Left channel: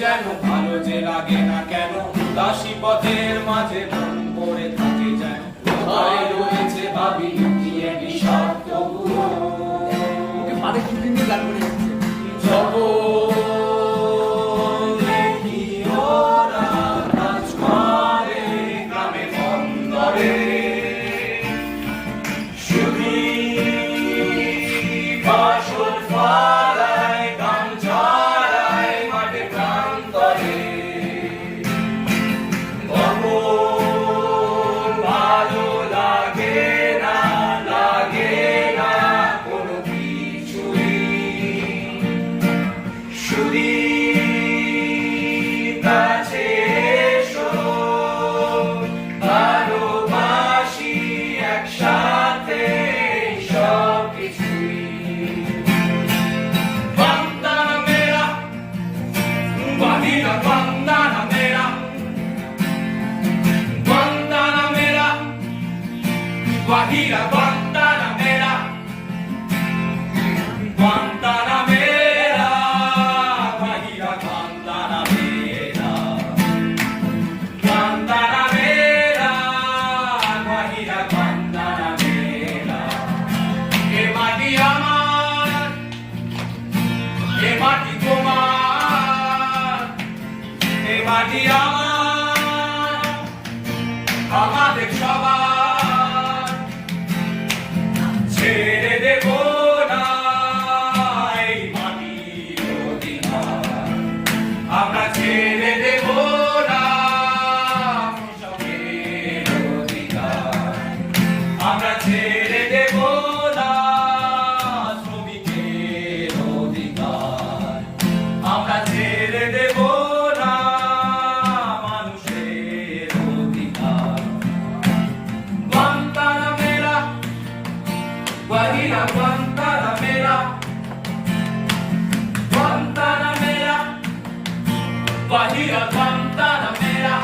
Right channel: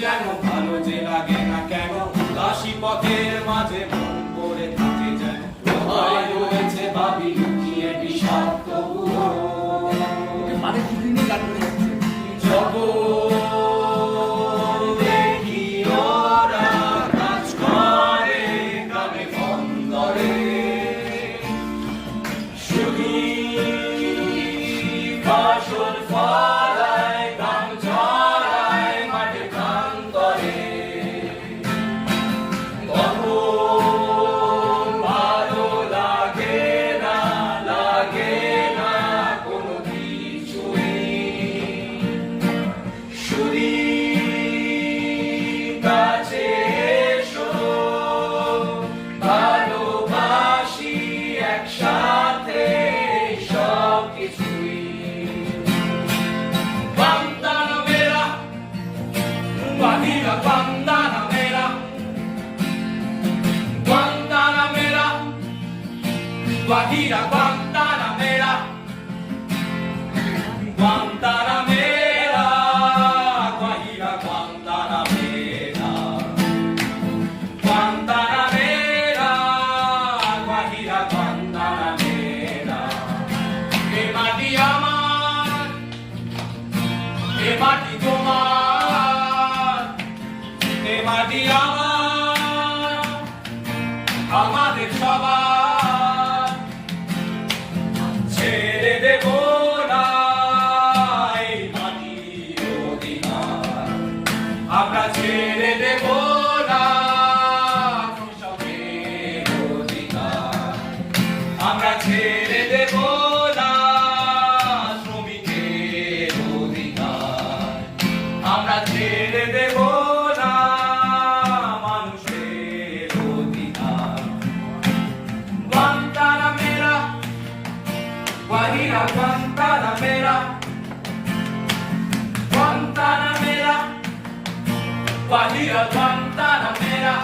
যেন ভালো যে লাগে না কেন, দাসী পথের মাঝে মন পড়ে থাকে যেন, কোথায় রয়েছে ভাবি লুকিয়ে বিষাক্ত গুলো। মাঝে দুদিন দিয়ে গান করে যাচ্ছে। দেখি ওরা কাজ করে গ্রামে বন্দরে, শুধুই বাসর ফালায় গান ছড়ায় মাঠে প্রান্তরে। তখন ভালো লাগে না কোনো কিছুই, শুধু কাছে এসো, ভালোবাসি একসাথে সব কিছুই। Guantana mera, Guajira Guantana mera, Guantana mera, Guajira Guantana mera, Guantana mera, Guajira Guantana mera, Guantana mera, Guajira Guantana mera. Que mati amar, que mati tomar, que mati amar, আমাদের সবার ছেড়ে দেব না এই মাটির অধিকার, আমরা ছেড়ে দেব না কৃষকের অধিকার, আমরা ছেড়ে দেব না শ্রমিকের অধিকার, আমরা ছেড়ে দেব না মানুষের অধিকার। Guantana mera, Guajira Guantana mera, Guantana mera, Guajira Guantana mera.